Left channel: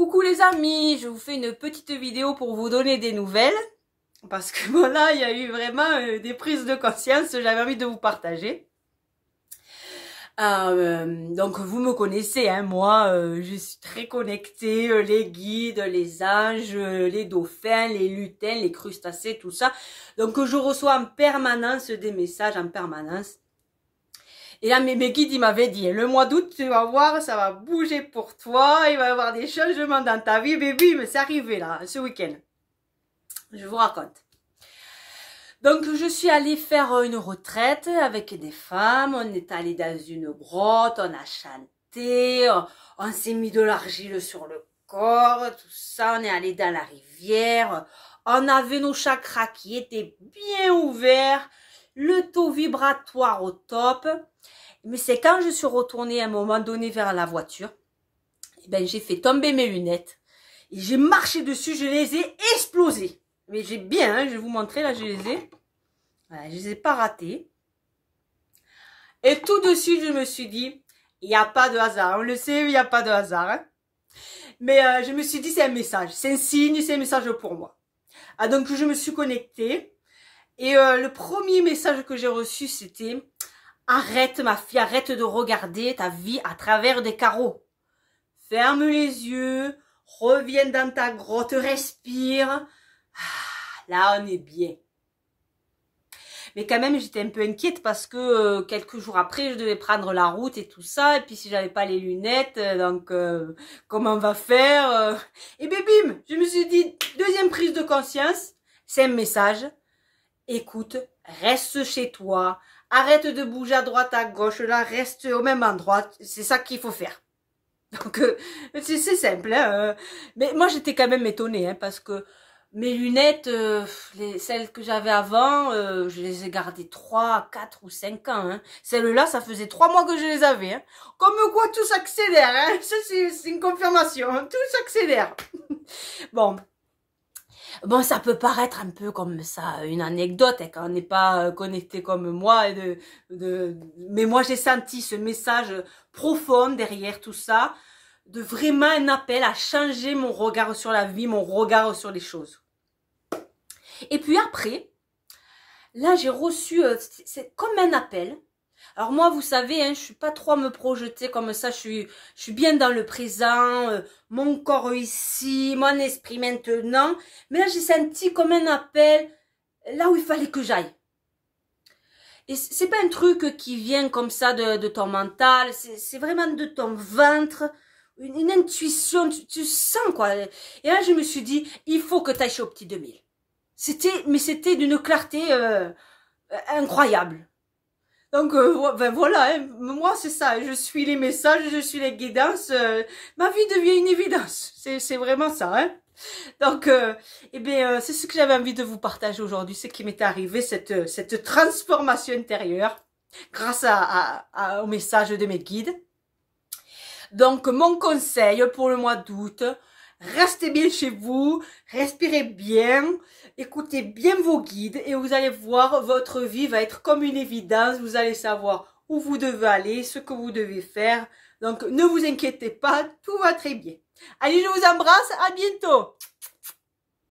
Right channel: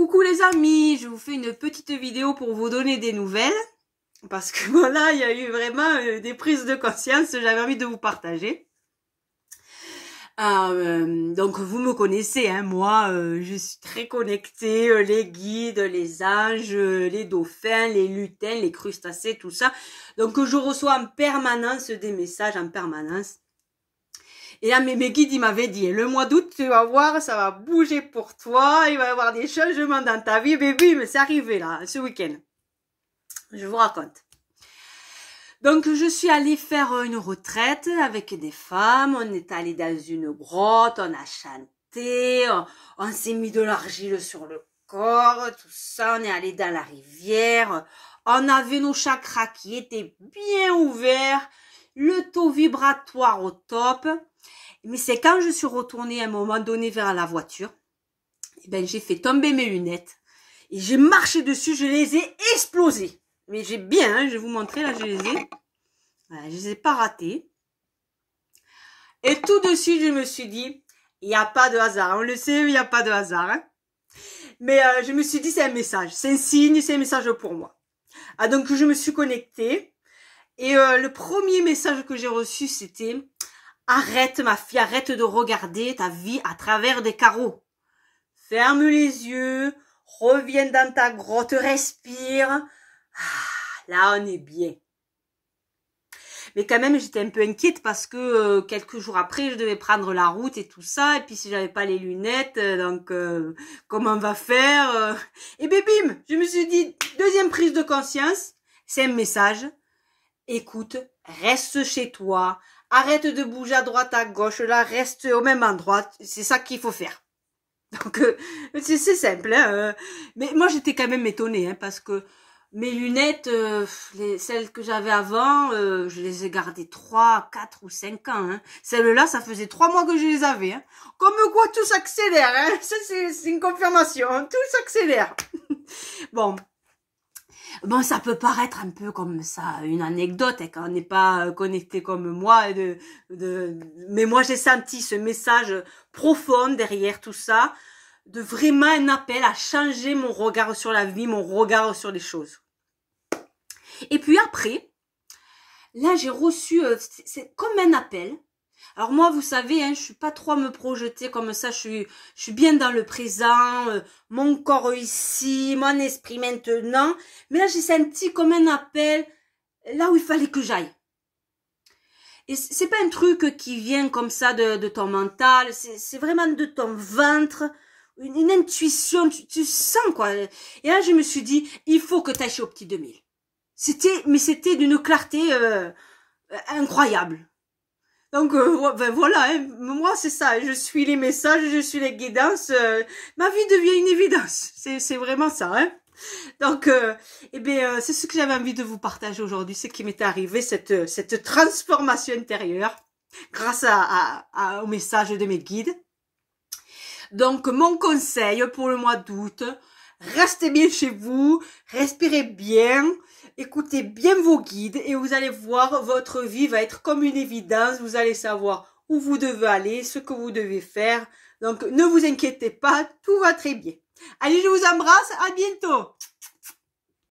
Coucou les amis, je vous fais une petite vidéo pour vous donner des nouvelles. Parce que voilà, il y a eu vraiment des prises de conscience, j'avais envie de vous partager. Donc vous me connaissez, hein, moi je suis très connectée, les guides, les anges, les dauphins, les lutins, les crustacés, tout ça. Donc je reçois en permanence des messages, en permanence. Et là, mes guides, ils m'avaient dit, le mois d'août, tu vas voir, ça va bouger pour toi, il va y avoir des changements dans ta vie, bébé, mais c'est arrivé là, ce week-end. Je vous raconte. Donc, je suis allée faire une retraite avec des femmes, on est allé dans une grotte, on a chanté, on s'est mis de l'argile sur le corps, tout ça, on est allé dans la rivière, on avait nos chakras qui étaient bien ouverts, le taux vibratoire au top. Mais c'est quand je suis retournée à un moment donné vers la voiture, et ben j'ai fait tomber mes lunettes et j'ai marché dessus, je les ai explosées. Mais j'ai bien, hein, je vais vous montrer, là je les ai. Voilà, je les ai pas ratées. Et tout de suite je me suis dit, il n'y a pas de hasard, on le sait, il n'y a pas de hasard. Hein. Mais je me suis dit, c'est un message, c'est un signe, c'est un message pour moi. Ah, donc je me suis connectée et le premier message que j'ai reçu c'était... Arrête ma fille, arrête de regarder ta vie à travers des carreaux. Ferme les yeux, reviens dans ta grotte, respire. Ah, là, on est bien. Mais quand même, j'étais un peu inquiète parce que quelques jours après, je devais prendre la route et tout ça. Et puis, si j'avais pas les lunettes, donc comment on va faire Et bien, bim, je me suis dit, deuxième prise de conscience, c'est un message. Écoute, reste chez toi. Arrête de bouger à droite, à gauche, là, reste au même endroit. C'est ça qu'il faut faire. Donc, c'est simple. Hein, mais moi, j'étais quand même étonnée, hein, parce que mes lunettes, celles que j'avais avant, je les ai gardées 3, 4 ou 5 ans. Hein. Celles-là, ça faisait 3 mois que je les avais. Hein. Comme quoi, tout s'accélère. Hein. Ça, c'est une confirmation. Hein. Tout s'accélère. Bon, ça peut paraître un peu comme ça, une anecdote, hein, quand on n'est pas connecté comme moi. Mais moi, j'ai senti ce message profond derrière tout ça, de vraiment un appel à changer mon regard sur la vie, mon regard sur les choses. Et puis après, là, j'ai reçu, c'est comme un appel. Alors moi, vous savez, hein, je suis pas trop à me projeter comme ça, je suis bien dans le présent, mon corps ici, mon esprit maintenant. Mais là, j'ai senti comme un appel là où il fallait que j'aille. Et c'est pas un truc qui vient comme ça de ton mental, c'est vraiment de ton ventre, une intuition, tu sens quoi. Et là, je me suis dit, il faut que tu ailles chez au petit 2000. C'était d'une clarté incroyable. Donc, ben voilà, hein, moi c'est ça, je suis les messages, je suis les guidances, ma vie devient une évidence, c'est vraiment ça. Hein. Donc, c'est ce que j'avais envie de vous partager aujourd'hui, ce qui m'est arrivé, cette transformation intérieure, grâce au message de mes guides. Donc, mon conseil pour le mois d'août, restez bien chez vous, respirez bien, écoutez bien vos guides et vous allez voir, votre vie va être comme une évidence. Vous allez savoir où vous devez aller, ce que vous devez faire. Donc, ne vous inquiétez pas, tout va très bien. Allez, je vous embrasse, à bientôt.